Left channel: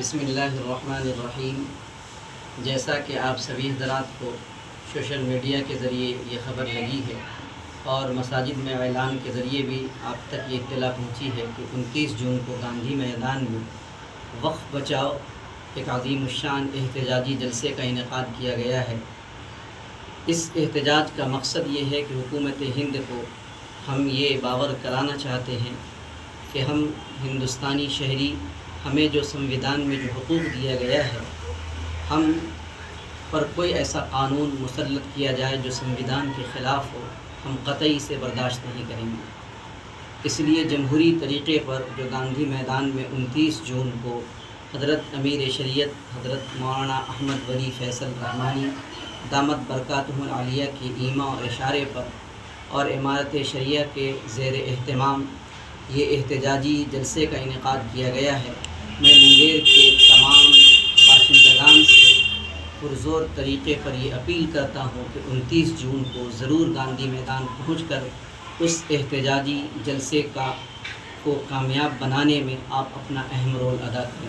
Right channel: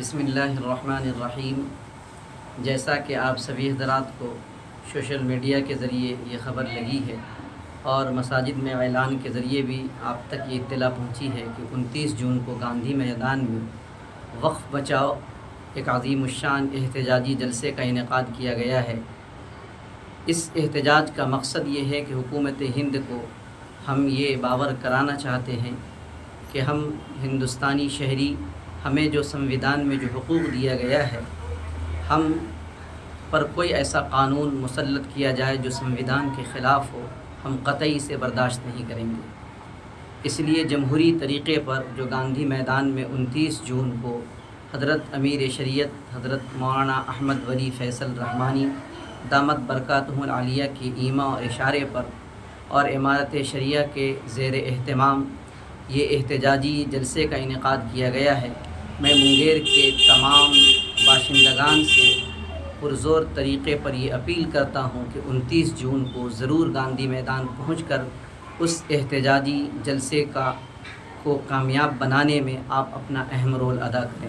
بسم اللہ الرحمن الرحیم۔ جیسا کہ آپ سبھی حضرات کو سوشل میڈیا کے ذریعے یہ خبر لگی ہے اور مساجد میں اعلان کے ذریعے بھی آپ تک یہ اطلاع پہنچی ہے کہ 29 جون کو گاندھی میدان میں وقف بچاؤ ایک عظیم الشان احتجاجی جلسے کا انعقاد کیا گیا ہے۔ اس احتجاج کا مقصد یہ ہے کہ حکومت ہند کو ہم یہ باور کرانا چاہتے ہیں کہ ہم ہندوستانی شہری، ہمیں جو سمویدھان میں جو حقوق دیا گیا ہے، ہم پر کوئی ایسا قانون مسلط کیا جائے جو سمویدھان کے خلاف ہو، ہم قطعی سے برداشت نہیں کریں گے۔ اس لیے جمہوری طریقے پر جو گاندھی میدان میں 29 جون کو حضرت امیر شریعت حضرت مولانا احمد ولی فیصل رحمانی دامت برکاتہ العالیہ کی ایما و اشارے پر اور امارت شریعہ کے زیر اہتمام یہ احتجاجی جلسے کا انعقاد کیا گیا ہے۔ میں منگیر کے تمام باشندگان سے پرزور طریقے پر یہ اپیل کرتا ہوں کہ 29 جون کو ضرور گاندھی میدان پہنچ کر اس احتجاجی جلسے کو کامیاب بنانے میں آپ اپنا اہم رول ادا کریں۔